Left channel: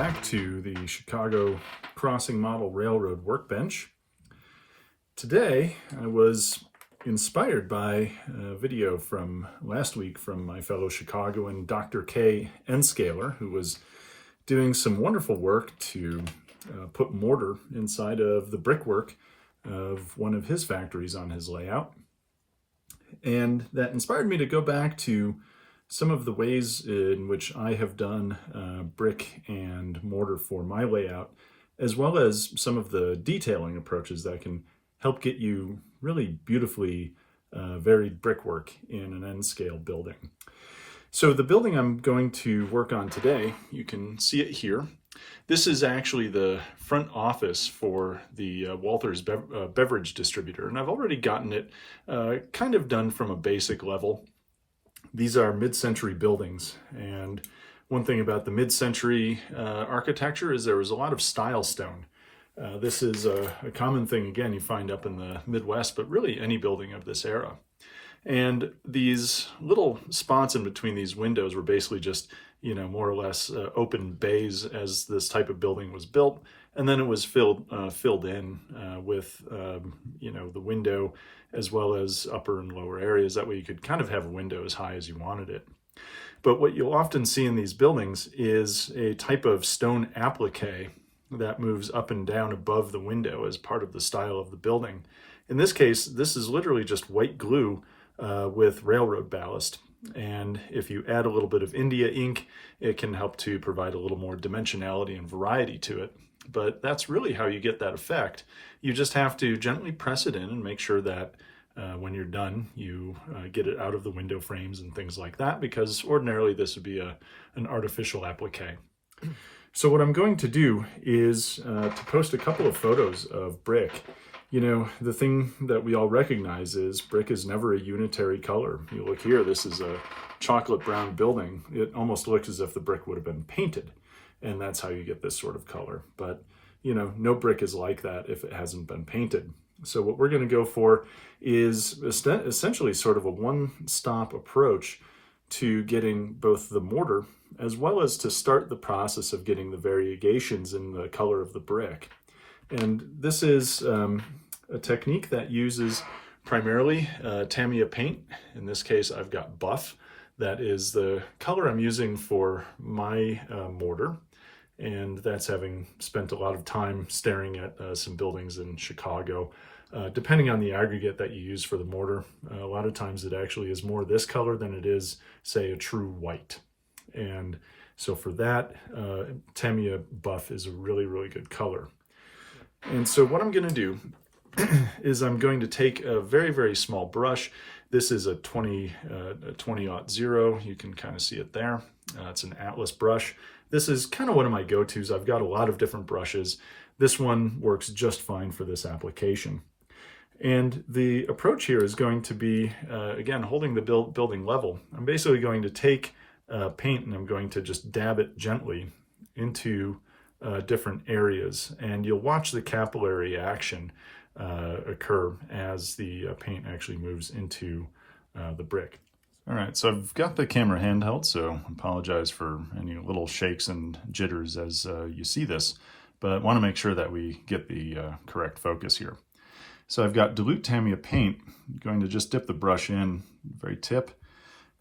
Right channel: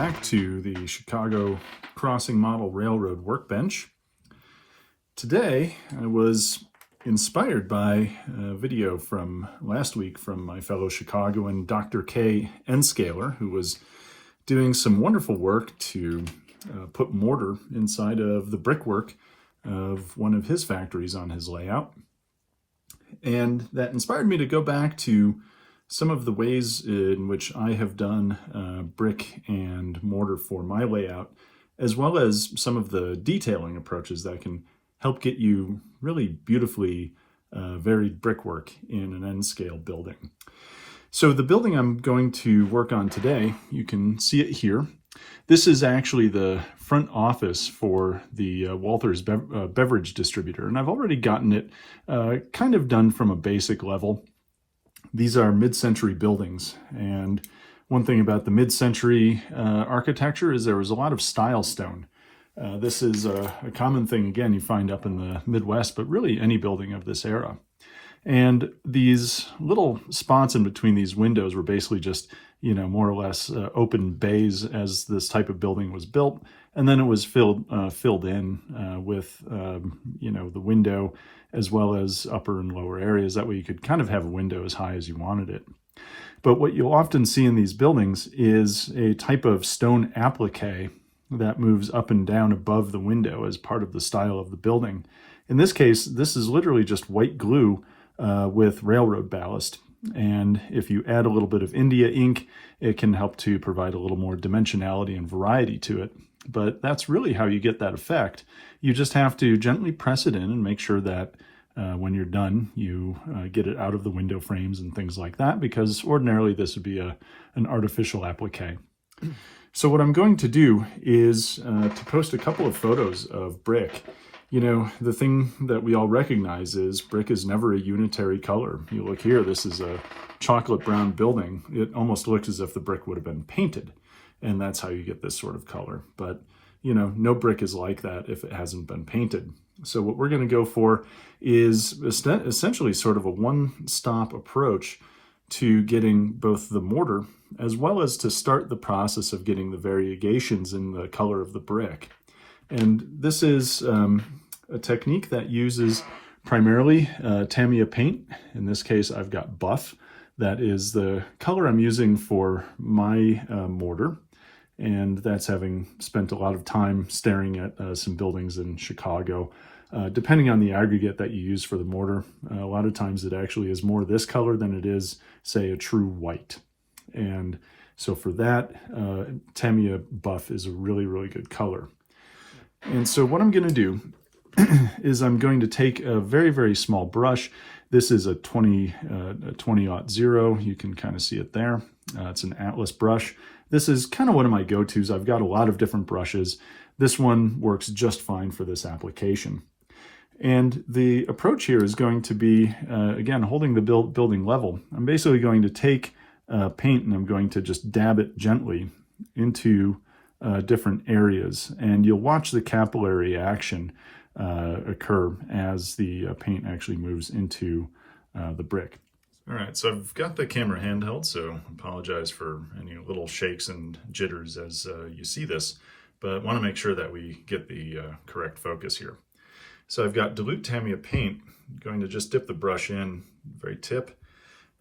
back to the Chicago Crossing Model Railroad Workbench. Today I was inspired by a video from last week from my fellow Chicagoan Dr. K. Enscaler, who was doing some wonderful work to put mortar inside of the brickwork of one of his factories on his layout. And that inspired me to go back to some of the ways in which I have done brick and mortar for my layout, as well as some of the detailing approaches that can help get you really beautifully varied brickwork in an N-scale building. So the building I'm going to work on today, you can see it here. This is actually the front office for the Walther's beverage distributor, and I've already gotten it kind of done from a basic level. These are mid-century buildings, and one thing about the mid-century architecture is there was a lot of style stone. This is a common thing, again, you find up in the Midwest, but really any building of this era. And these little spots in between these windows were basically just, more or less open bays as this type of building was built. And then it was filled in with, the window as well as upper and lower areas. That way you could kind of have a window as high as you wanted it. But what you'll often see in these buildings is a type of stone applique that moves up and down above the window as part of the style of the building. In this case, this is literally just white glue with railroad ballast. And if you add a little bit of India ink, it can help to provide a little more dimensionality and variety to it. But that's really how you get that effect. You just have to gently press it in and make sure that when you're done, you get it out of the window frames and things like that, because ordinarily this would be an artificial applique. So what I'm going to do is to post a couple of photos of brick. The thing that we all recognize is brick is never a unitary color. You look here, this is a chocolate brown building. It almost looks as if the brick would have been painted, and that's how you get this sort of color. But no brick is like that if it hasn't been painted. So what we're going to go for is essentially sort of a one-stop approach to getting both the mortar as well as to start the process of getting the variegations in the color of the brick. And this is a technique that uses primarily Tamiya paint. In this case, I've got buff. That is the color I'm using for my mortar. And that's having spent a lot of time staring at some buildings in Chicago. Depending on the aggregate that you use for the mortar, a lot of times it actually is more this color than it is, say, a true white. And so for that, Tamiya buff is a really, really good color. And so what I'm going to do is I'm going to take a very, very small brush. This is a 20-0. You can kind of see it there. It's an Atlas brush. This is kind of one of my go-tos. I've got a lot of different brushes. This one works just fine for this application. And the approach here is going to be, again, holding the building level. I'm basically going to take paint and I'm going to just dab it gently into different areas. And you'll watch the capillary action occur as the paint actually moves into the brick. All right, so I've got the camera handheld, so I apologize for any little shakes and jitters as you see this, but I want to make sure that we get the correct focus here. So I've got dilute Tamiya paint. I'm going to just dip the brush in, very tip,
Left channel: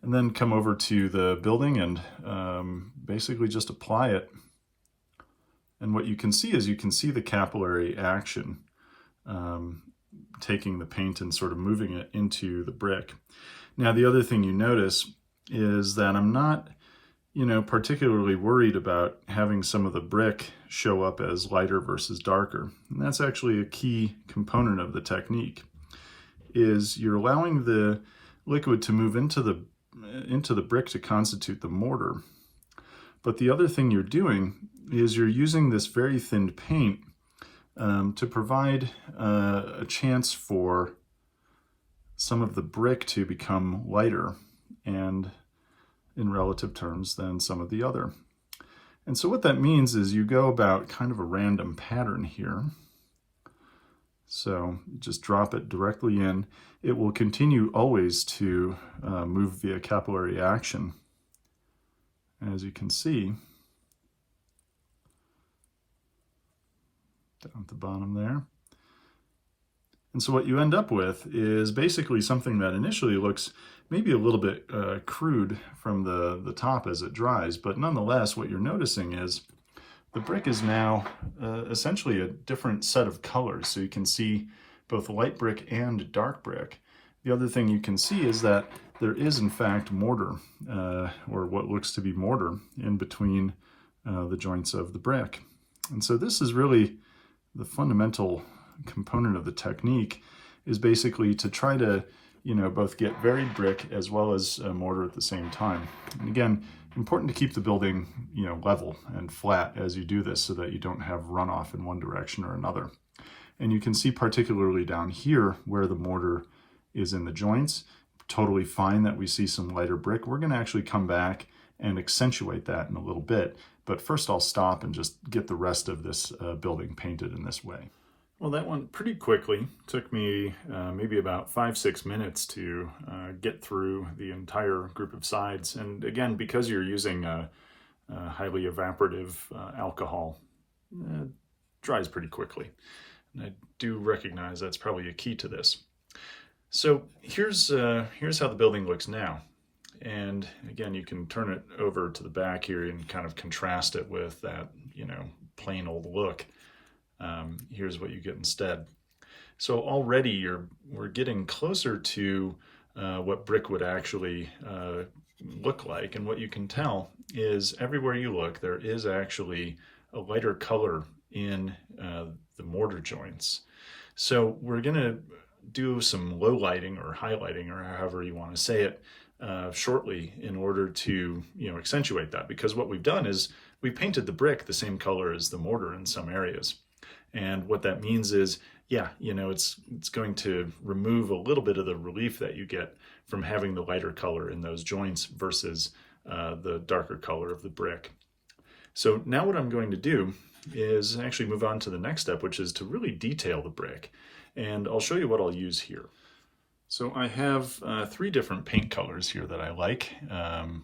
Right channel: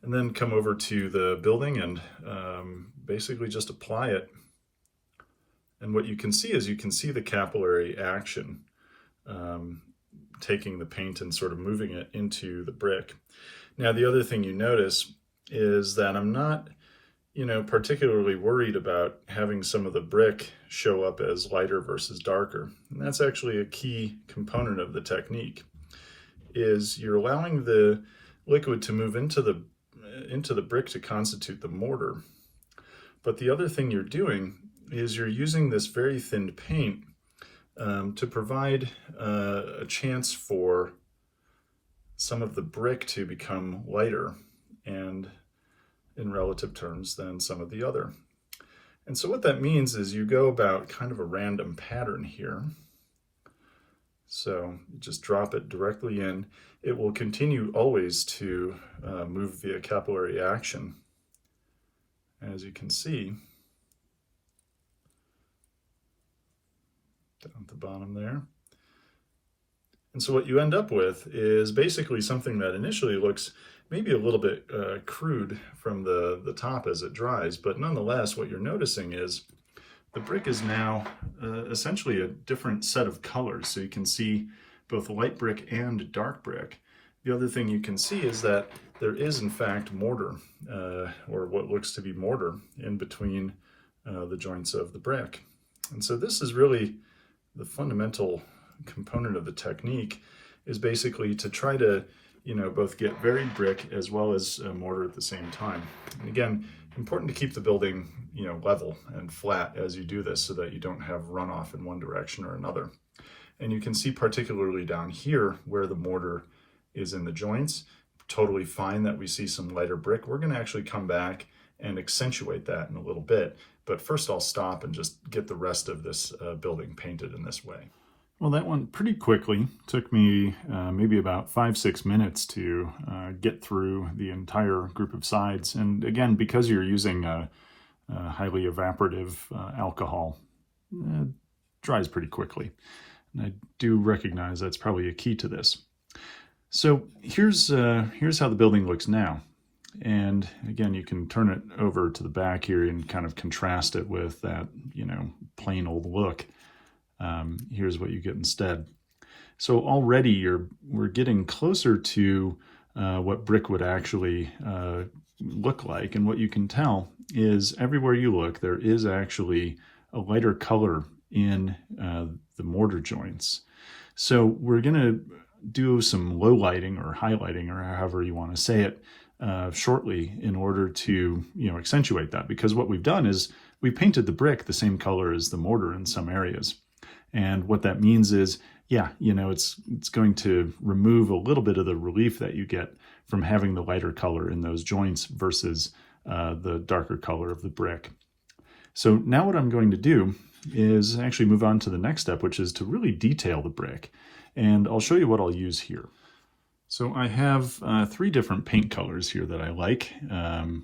and then come over to the building and basically just apply it. And what you can see is you can see the capillary action, taking the paint and sort of moving it into the brick. Now, the other thing you notice is that I'm not, particularly worried about having some of the brick show up as lighter versus darker. And that's actually a key component of the technique, is you're allowing the liquid to move into the brick to constitute the mortar. But the other thing you're doing is you're using this very thin paint to provide a chance for some of the brick to become lighter and in relative terms than some of the other. And so what that means is you go about kind of a random pattern here. So just drop it directly in. It will continue always to move via capillary action. As you can see, down at the bottom there. And so what you end up with is basically something that initially looks maybe a little bit crude from the top as it dries, but nonetheless what you're noticing is the brick is now essentially a different set of colors. So you can see both light brick and dark brick. The other thing you can see is that there is in fact mortar, or what looks to be mortar, in between the joints of the brick. And so this is really the fundamental component of the technique, is basically to try to, both get varied brick as well as mortar at the same time. And again, important to keep the building, level and flat as you do this so that you don't have runoff in one direction or another. And you can see particularly down here where the mortar is in the joints, totally fine that we see some lighter brick. We're going to actually come back and accentuate that in a little bit. But first I'll stop and just get the rest of this building painted in this way. Well, that went pretty quickly. Took me maybe about 5-6 minutes to get through the entire group of sides. And again, because you're using a highly evaporative alcohol, it dries pretty quickly. And I do recognize that's probably a key to this. So here's how the building looks now. And again, you can turn it over to the back here and kind of contrast it with that, plain old look. Here's what you get instead. So already we're getting closer to what brick would actually look like. And what you can tell is everywhere you look, there is actually a lighter color in the mortar joints. So we're going to do some low lighting or highlighting, or however you want to say it, shortly in order to accentuate that. Because what we've done is we painted the brick the same color as the mortar in some areas. And what that means is, it's going to remove a little bit of the relief that you get from having the lighter color in those joints versus the darker color of the brick. So now what I'm going to do is actually move on to the next step, which is to really detail the brick. And I'll show you what I'll use here. So I have 3 different paint colors here that I like.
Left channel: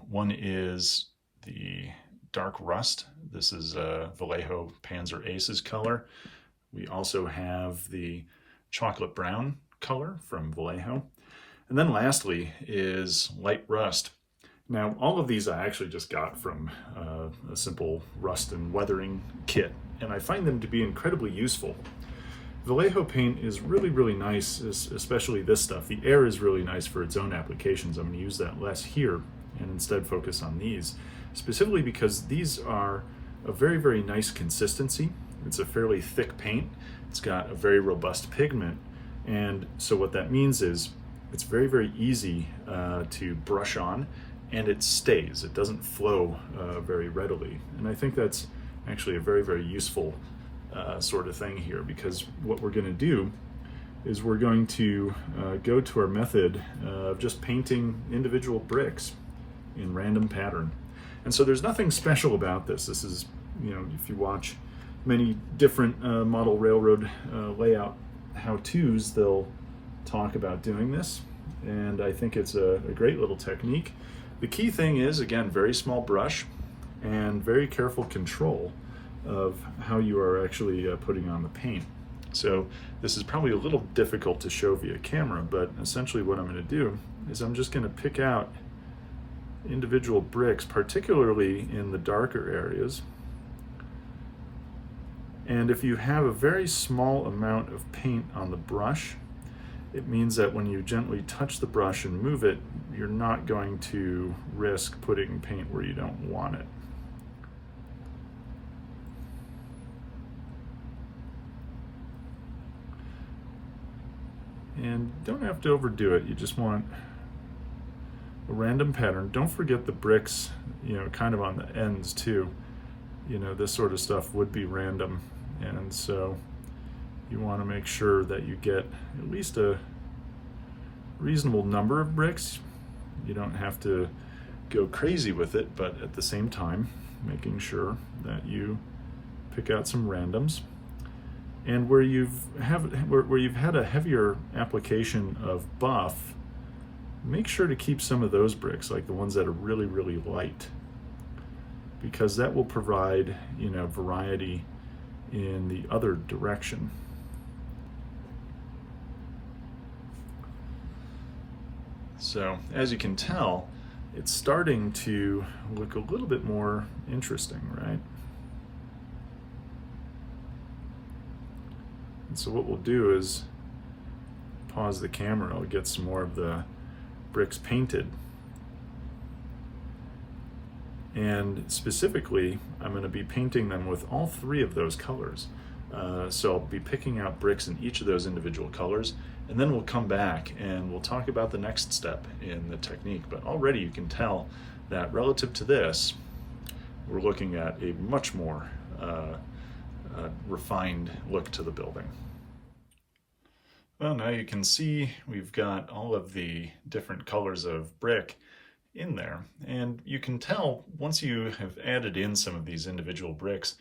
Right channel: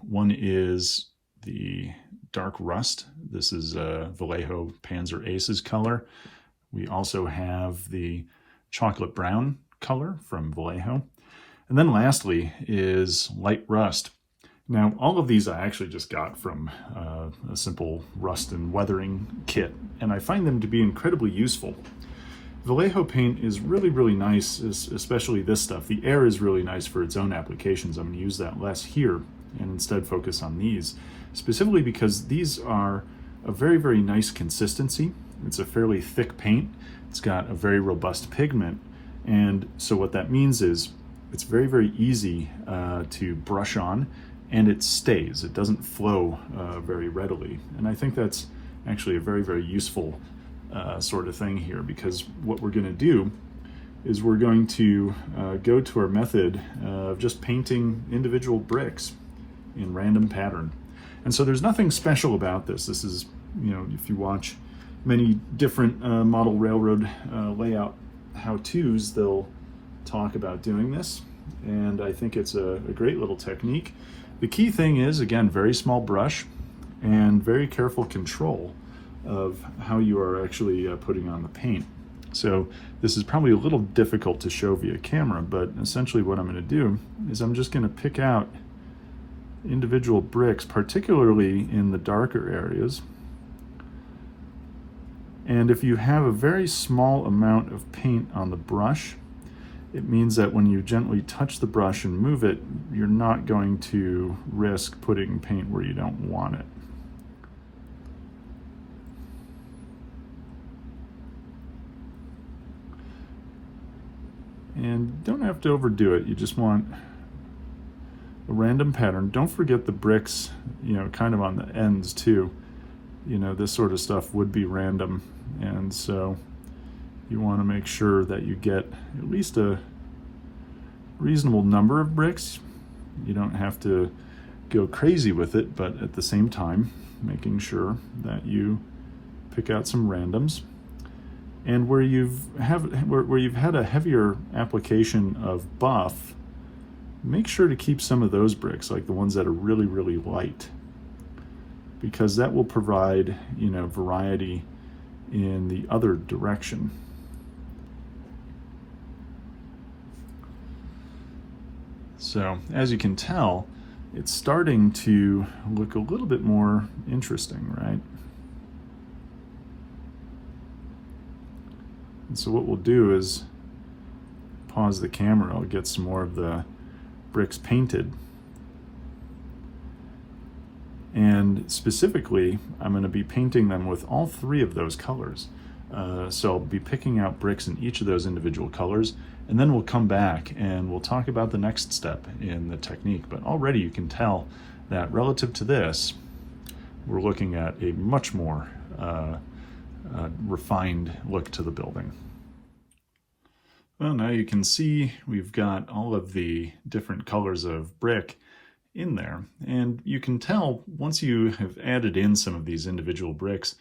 One is the dark rust. This is Vallejo Panzer Aces color. We also have the chocolate brown color from Vallejo. And then lastly is light rust. Now, all of these I actually just got from a simple rust and weathering kit, and I find them to be incredibly useful. Vallejo paint is really, really nice, especially this stuff. The air is really nice for its own applications. I'm going to use that less here and instead focus on these, specifically because these are a very, very nice consistency. It's a fairly thick paint. It's got a very robust pigment. And so what that means is it's very, very easy to brush on, and it stays. It doesn't flow very readily. And I think that's actually a very, very useful sort of thing here, because what we're going to do is we're going to go to our method of just painting individual bricks in random pattern. And so there's nothing special about this. This is, if you watch many different model railroad layout how-tos, they'll talk about doing this. And I think it's a great little technique. The key thing is, again, very small brush and very careful control of how you are actually putting on the paint. So this is probably a little difficult to show via camera, but essentially what I'm going to do is I'm just going to pick out individual bricks, particularly in the darker areas. And if you have a very small amount of paint on the brush, it means that when you gently touch the brush and move it, you're not going to risk putting paint where you don't want it. And don't have to overdo it. You just want a random pattern. Don't forget the bricks, kind of on the ends too. This sort of stuff would be random. And so you want to make sure that you get at least a reasonable number of bricks. You don't have to go crazy with it, but at the same time, making sure that you pick out some randoms. And where you've had a heavier application of buff, make sure to keep some of those bricks, like the ones that are really, really light, because that will provide, variety in the other direction. So as you can tell, it's starting to look a little bit more interesting, right? And so what we'll do is pause the camera. I'll get some more of the bricks painted. And specifically, I'm going to be painting them with all three of those colors. So I'll be picking out bricks in each of those individual colors, and then we'll come back and we'll talk about the next step in the technique. But already you can tell that relative to this, we're looking at a much more refined look to the building. Well, now you can see we've got all of the different colors of brick in there, and you can tell once you have added in some of these individual bricks,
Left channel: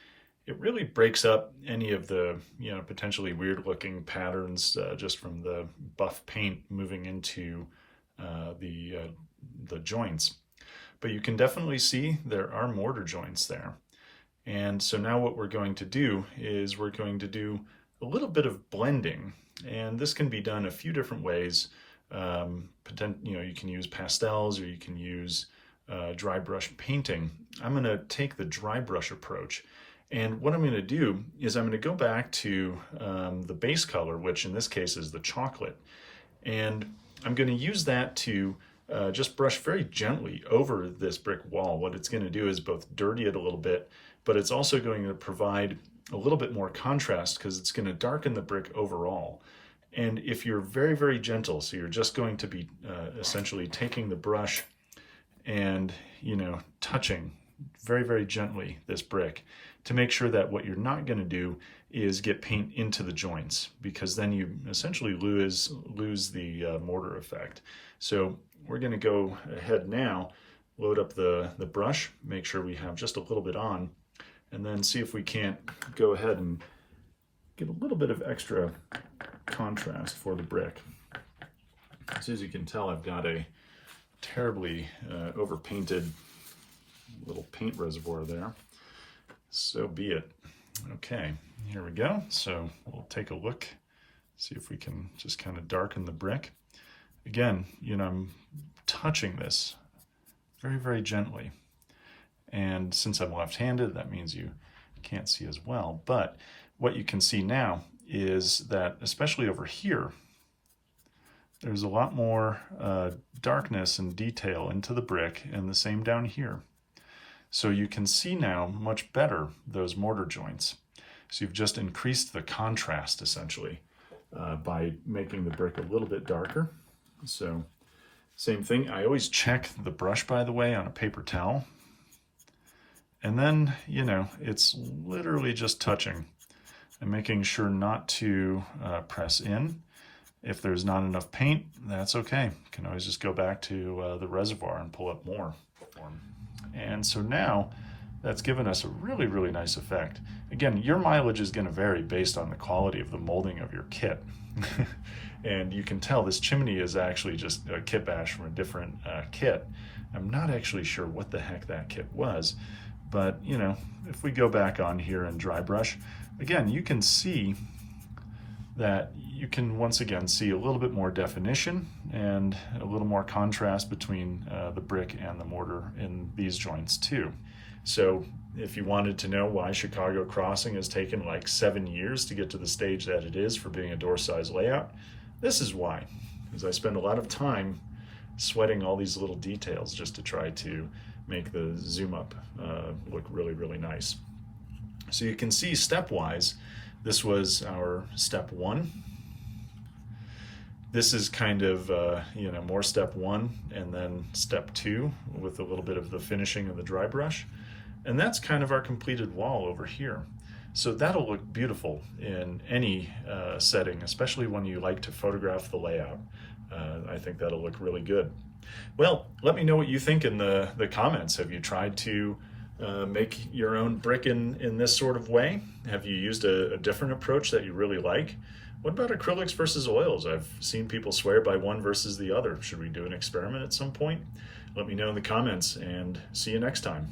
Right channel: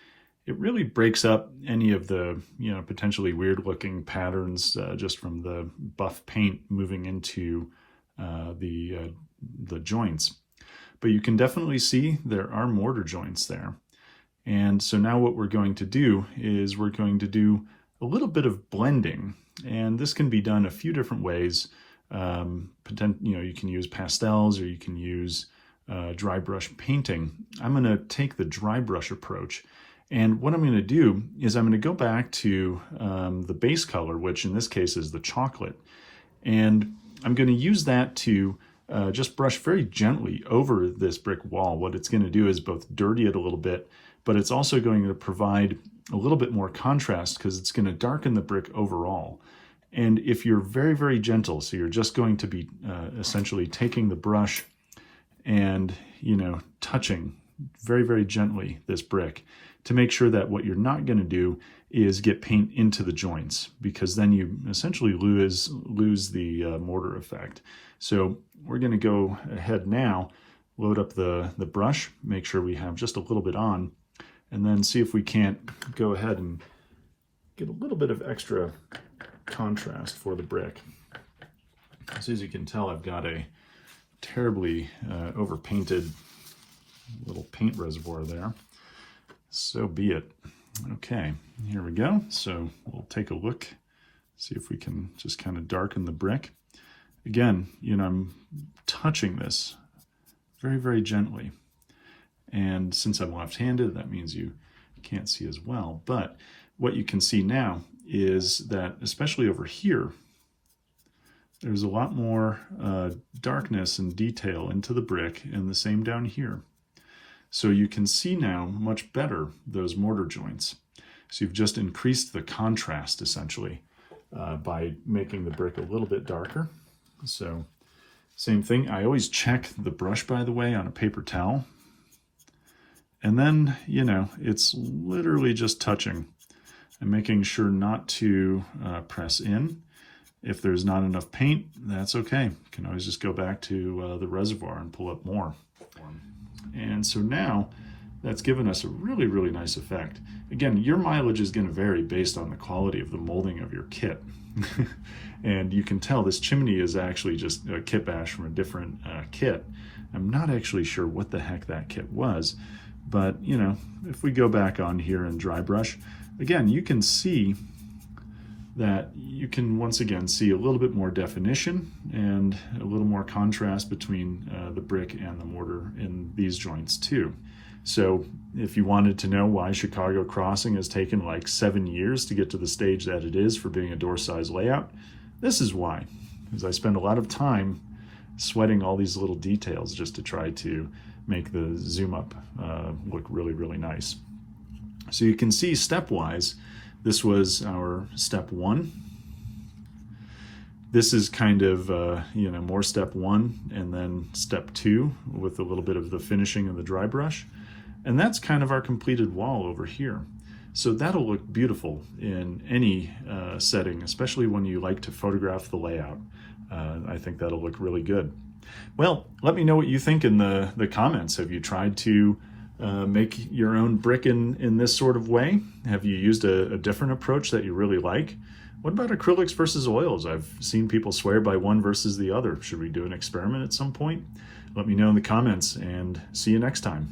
it really breaks up any of the potentially weird looking patterns just from the buff paint moving into the joints. But you can definitely see there are mortar joints there. And so now what we're going to do is we're going to do a little bit of blending, and this can be done a few different ways. You can use pastels, or you can use dry brush painting. I'm going to take the dry brush approach, and what I'm going to do is I'm going to go back to the base color, which in this case is the chocolate, and I'm going to use that to just brush very gently over this brick wall. What it's going to do is both dirty it a little bit, but it's also going to provide a little bit more contrast because it's going to darken the brick overall. And if you're very, very gentle, so you're just going to be essentially taking the brush and, touching very, very gently this brick to make sure that what you're not going to do is get paint into the joints, because then you essentially lose the mortar effect. So we're going to go ahead now, load up the brush, make sure we have just a little bit on, and then see if we can't go ahead and get a little bit of extra contrast for the brick. So as you can tell, I've got a terribly overpainted little paint reservoir there. So be it. Okay, here we go. So we'll take a look, see if we can just kind of darken the brick. Again, I'm touching this very, very gently. And since I'm left-handed, that means you can't see as well. But what you can see now is that, especially over here, there's a lot more darkness and detail into the brick, and the same down here. So you can see now much better those mortar joints. So you've just increased the contrast essentially by making the brick a little bit darker. So same thing, I always check the brush, by the way, on a paper towel. And then, it's literally just touching and making sure not to press in. If there's not enough paint, that's okay. You can always just go back to the reservoir and pull up more. And so now that's given us a really, really nice effect. Again, your mileage is going to vary based on the quality of the molding of your kit. And you can tell this chimney is actually just a kit bash from a different kit. I'm not actually sure what the heck that kit was, but if we go back on here and dry brush, again, you can see that you can once again see a little bit more definition and a little more contrast between the brick and the mortar in these joints too. So if you wanted to know why Chicago Crossing has taken like 7 years to get to the stage that it is for being a door size layout, this is why. Because I spend a lot of time sweating all these little details just to try to make the zoom up look really, really nice. So you can see stepwise, this was our step 1. This is kind of, more step 1 and then step 2 with a little bit of the finishing of the dry brush. And that's kind of our completed wall over here. So that'll look beautiful in any setting, especially when you like to photograph the layout. I think that'll look really good. Well, let me know what you think in the comments. Have you tried to make your own brick in this sort of way? Have you used a different approach that you really like? What about acrylics versus oils? I've seen people swear by one versus the other. Should we do an experiment at some point? Let me know in the comments, and see you next time.